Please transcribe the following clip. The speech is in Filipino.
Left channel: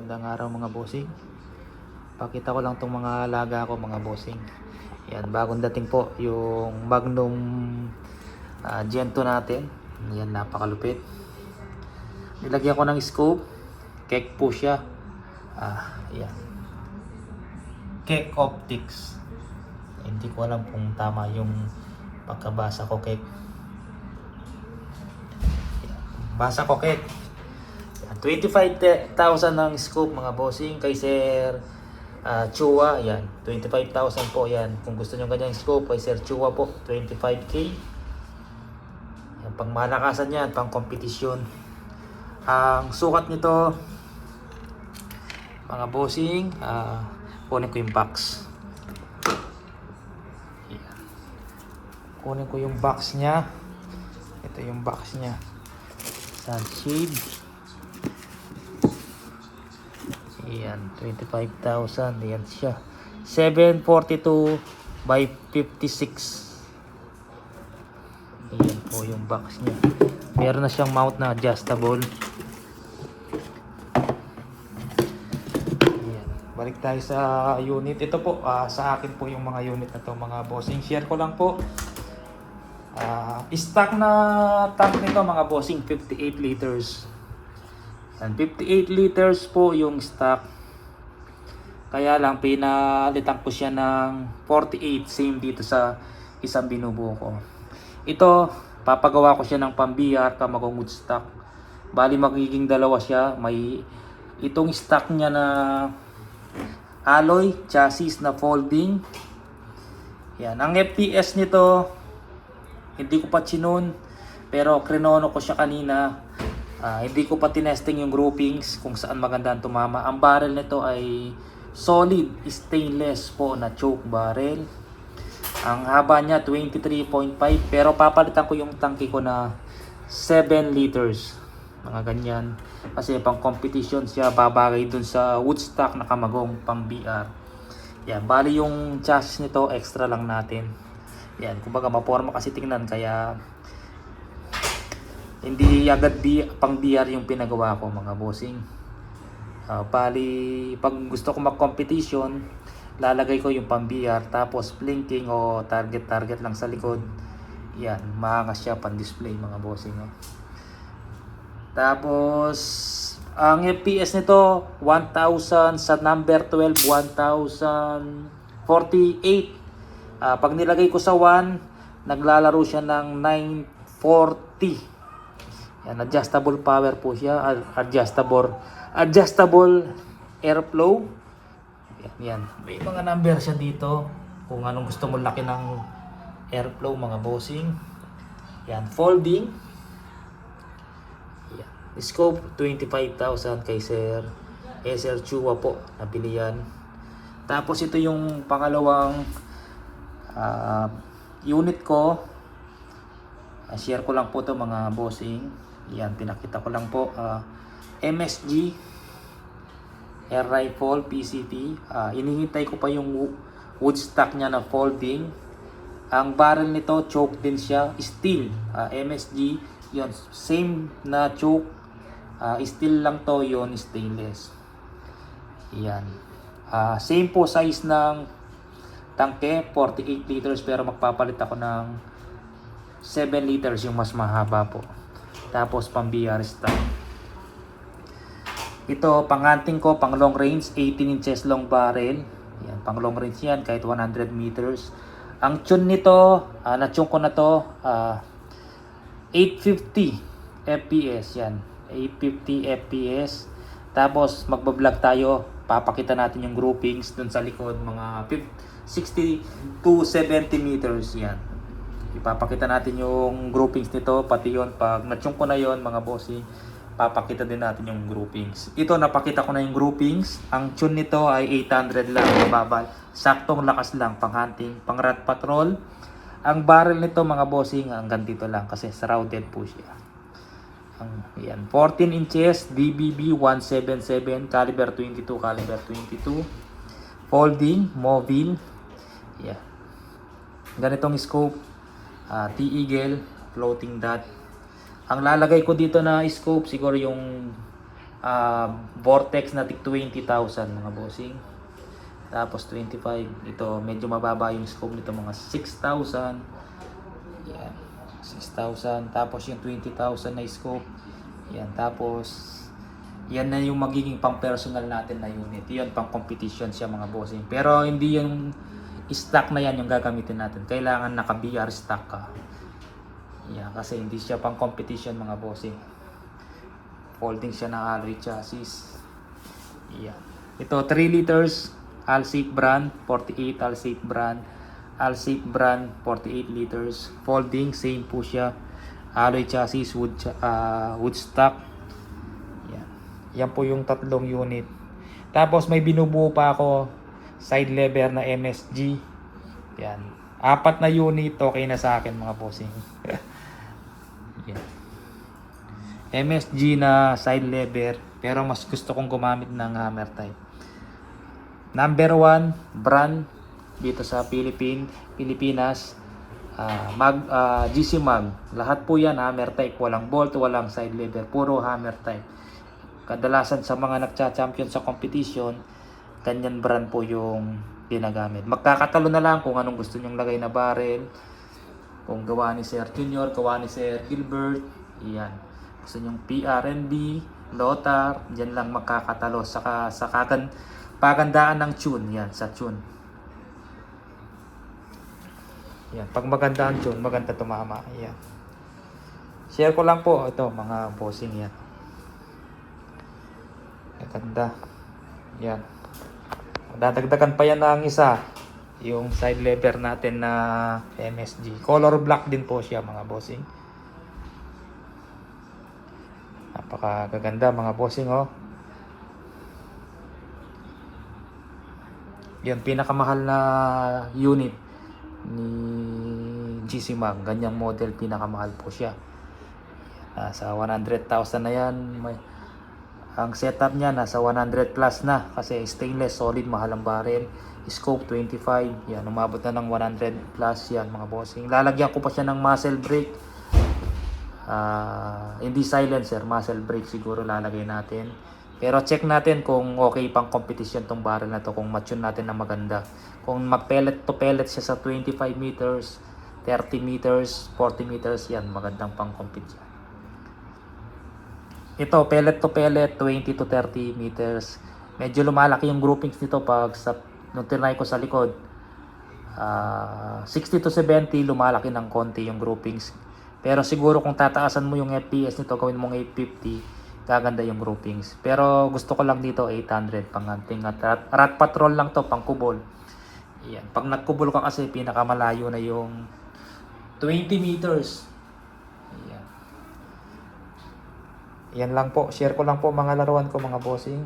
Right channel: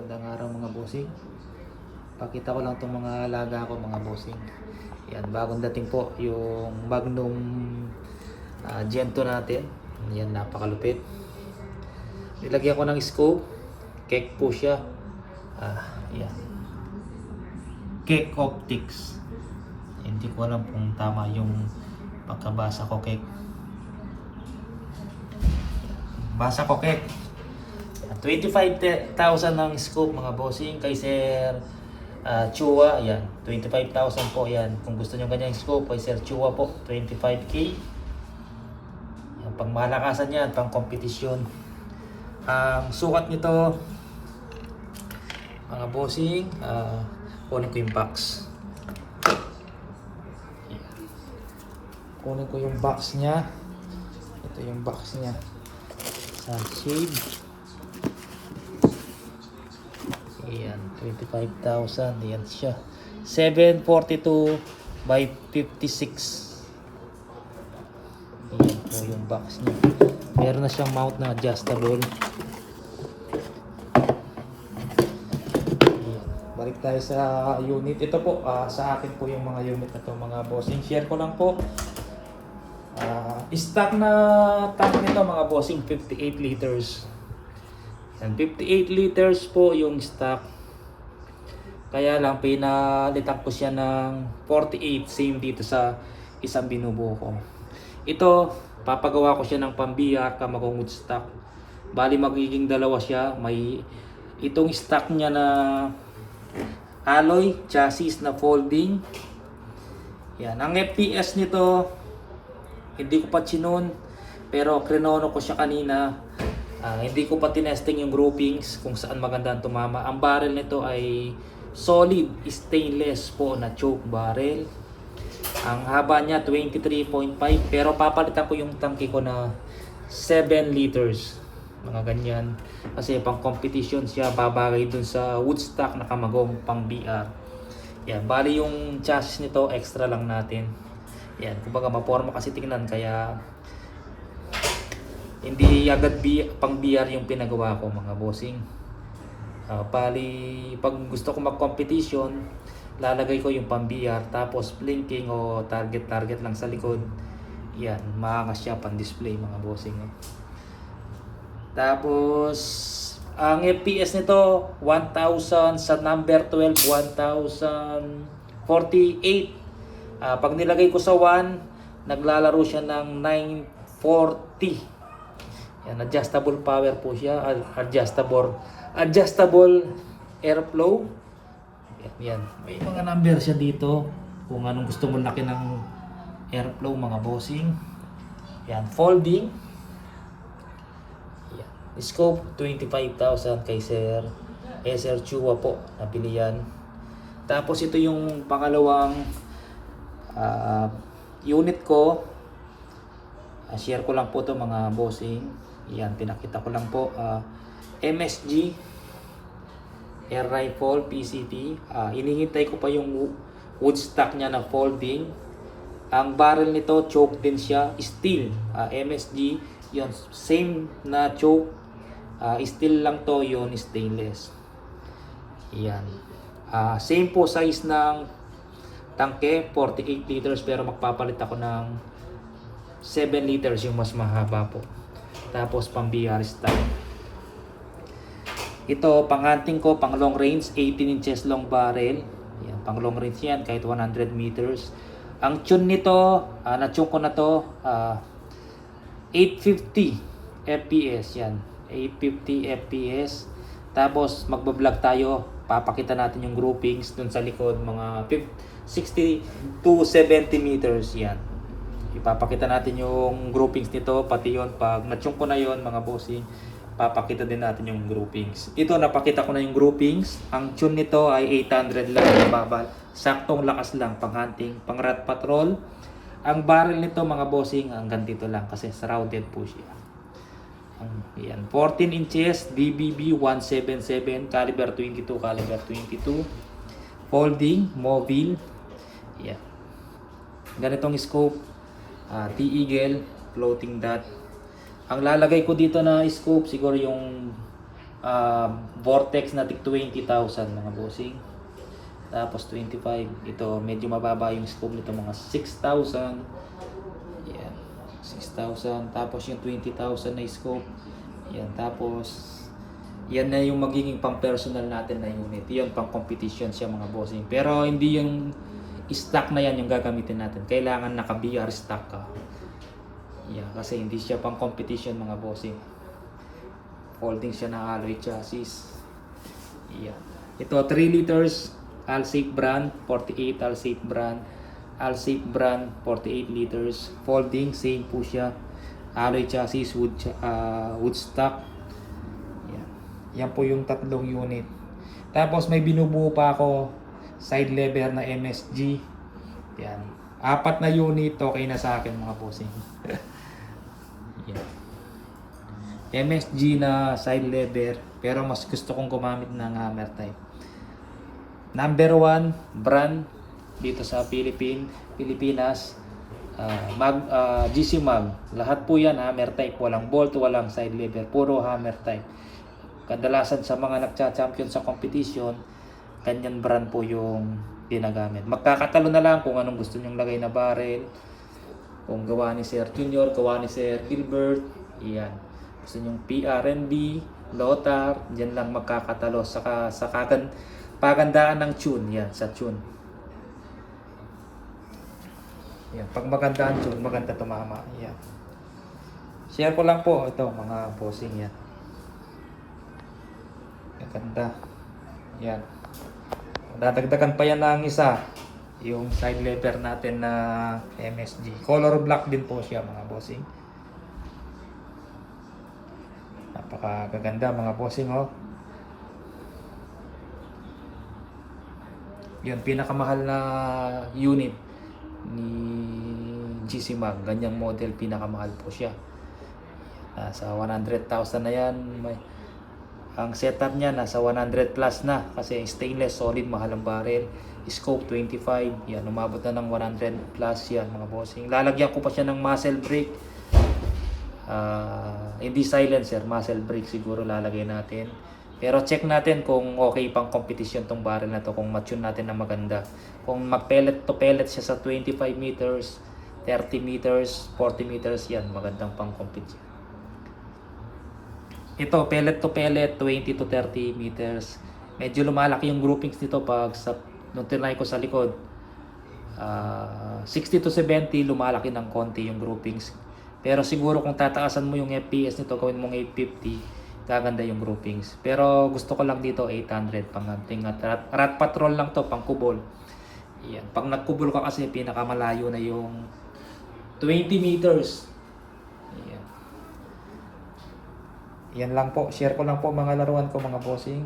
Magandang araw mga bossing. Pakita ko lang itong mga alaga ko mga bossing. Yan, bagong dating po yung Magnum Gen 2 natin. Yan, napakalupit. Nilagyan ko ng scope. Keck po siya. Yan. Keck Optics. Hindi ko alam kung tama yung pagkabasa ko, Keck. Basa ko, Keck. 25,000 ng scoop mga bossing kay Sir Chua. Yan, 25,000 po yan. Kung gusto nyo ganyang scoop kay Sir Chua po, 25k. Yan, pang malakasan yan, pang kompetisyon. Ang sukat nito mga bossing, kunin ko yung box. Yan. Kunin ko yung box nya. Ito yung box nya. Sunshade. Ayan, 25,000. Ayan siya. 742 by 56. Ayan po yung box niya. Meron na siyang mount na adjustable. Ayan. Balik tayo sa unit. Ito po, sa akin po yung mga unit na to mga bossing. Share ko lang po. Stock na tank nito mga bossing, 58 liters. And 58 liters po yung stock. Kaya lang pinalitan ko siya ng 48, same dito sa isang binubuo ko. Ito, papagawa ko siya ng pambiyar, tamagong wood stock. Bali magiging dalawa siya. May itong stock niya na alloy chassis na folding. Yan, ang FPS nito hindi ko pa chinon, pero krinono ko siya kanina. Hindi ko pa tinesting yung groupings kung saan maganda ang tumama. Ang barrel nito ay solid stainless po na choke barrel. Ang haba niya 23.5, pero papalitan ko yung tangke ko na 7 liters. Mga ganyan. Kasi pang competition siya, babagay dun sa Woodstock na kamagong pang BR. Yan, bali yung chassis nito extra lang natin. Yan, kumbaga maporma kasi tingnan, kaya hindi agad pang BR yung pinagawa ko mga bossing. Bali pag gusto ko mag-competition, lalagay ko yung pang BR, tapos blinking o target lang sa likod. Yan, maangas siya pang display mga bossing. Tapos ang FPS nito 1000, sa number 12 1048. Pag nilagay ko sa 1, naglalaro siya ng 940. Yan, adjustable power po siya, adjustable airflow. Yan, may mga number siya dito kung anong gusto mo laki ng airflow mga bossing. Yan, folding. Yan, scope 25,000 kay Sir Chua po, nabili yan. Tapos ito yung pangalawang unit ko. Share ko lang po to mga bossing. Yan, pinakita ko lang po. MSG air rifle PCP. Inihintay ko pa yung wood stock niya na folding. Ang barrel nito choke din siya, steel. MSG yun, same na choke, steel lang to, yun stainless. Yan, same po size ng tangke, 48 liters, pero magpapalit ako ng 7 liters, yung mas mahaba po. Tapos pang BR stock. Ito pang hunting ko, pang long range, 18 inches long barrel. Yan, pang long range yan, kahit 100 meters. Ang tune nito, na-tune ko na to, 850 FPS yan. 850 FPS. Tapos magbablog tayo, papakita natin yung groupings dun sa likod, mga 60 to 70 meters yan. Ipapakita natin yung groupings nito, pati yon pag na-tune ko na yon mga bossing, papakita din natin yung groupings. Ito, napakita ko na yung groupings. Ang tune nito ay 800 lang, mababal. Saktong lakas lang, pang hunting, pang rat patrol. Ang barrel nito mga bossing, hanggang dito lang kasi shrouded po siya. Yan, 14 inches, DBB 177, caliber 22, caliber 22. Folding, mobile. Yan. Ganitong scope. T-Eagle, floating dot. Ang lalagay ko dito na scope, siguro yung Vortex na tig 20,000 mga bossing. Tapos 25, ito medyo mababa yung scope nito, mga 6,000. Yan, 6,000. Tapos yung 20,000 na scope. Yan, tapos yan na yung magiging pang personal natin na unit. Yan pang competition siya mga bossing. Pero hindi yung stock na yan yung gagamitin natin. Kailangan naka BR stock ka. Yan, kasi hindi siya pang competition mga bossing. Folding siya ng Alloy chassis. Yan. Ito 3 liters Alsafe brand, 48 Alsafe brand. Alsafe brand, 48 liters. Folding, same po siya. Alloy chassis, wood stock. Yan. Yan po yung tatlong unit. Tapos may binubuo pa ako side lever na MSG. Yan. 4 na unit, okay na sa akin mga bossing. Yan. MSG na side lever, pero mas gusto kong gumamit ng hammer type. Number 1 brand dito sa Pilipinas, GC Mag. Lahat po yan hammer type, walang bolt, walang side lever, puro hammer type. Kadalasan sa mga nagcha-champion sa competition, ganyan brand po yung ginagamit. Magkakatalo na lang kung anong gusto nyong lagay na barrel. Kung gawa ni Sir Junior, gawa ni Sir Gilbert, iyan. Gusto nyong PRNB, Lothar, dyan lang magkakatalo. Saka sa pagandaan ng tune, yan, sa tune. Yan, pag maganda ang tune, maganda tumama. Yan. Share ko lang po ito, mga bossing yan. Ganda. Yan. Dadagdagan pa yan ng isa. Yung side lever natin na MSG. Color black din po siya mga bossing. Napakaganda mga bossing oh. Yun, pinakamahal na unit ni GC Mag. Ganyang model, pinakamahal po siya. Sa 100,000 na yan. Ang setup niya nasa 100 plus na. Kasi stainless, solid, mahal ang barrel. Scope 25. Yan, umabot na ng 100 plus yan mga bossing. Lalagyan ko pa siya ng muzzle brake. Hindi silencer, muzzle brake siguro lalagay natin. Pero check natin kung okay pang competition tong barrel na to, kung matune natin na maganda. Kung mag-pellet to pellet siya sa 25 meters, 30 meters, 40 meters, yan, magandang pang competition. Ito, pellet to pellet, 20 to 30 meters. Medyo lumalaki yung groupings nito pag nung tinry ko sa likod. 60 to 70, lumalaki ng konti yung groupings. Pero siguro kung tataasan mo yung FPS nito, gawin mong 850, gaganda yung groupings. Pero gusto ko lang dito 800 pang hunting at rat patrol lang to, pang kubol. Yan. Pag nagkubol ka kasi pinakamalayo na yung 20 meters. Yan. Yan lang po. Share ko lang po mga laruan ko mga bossing.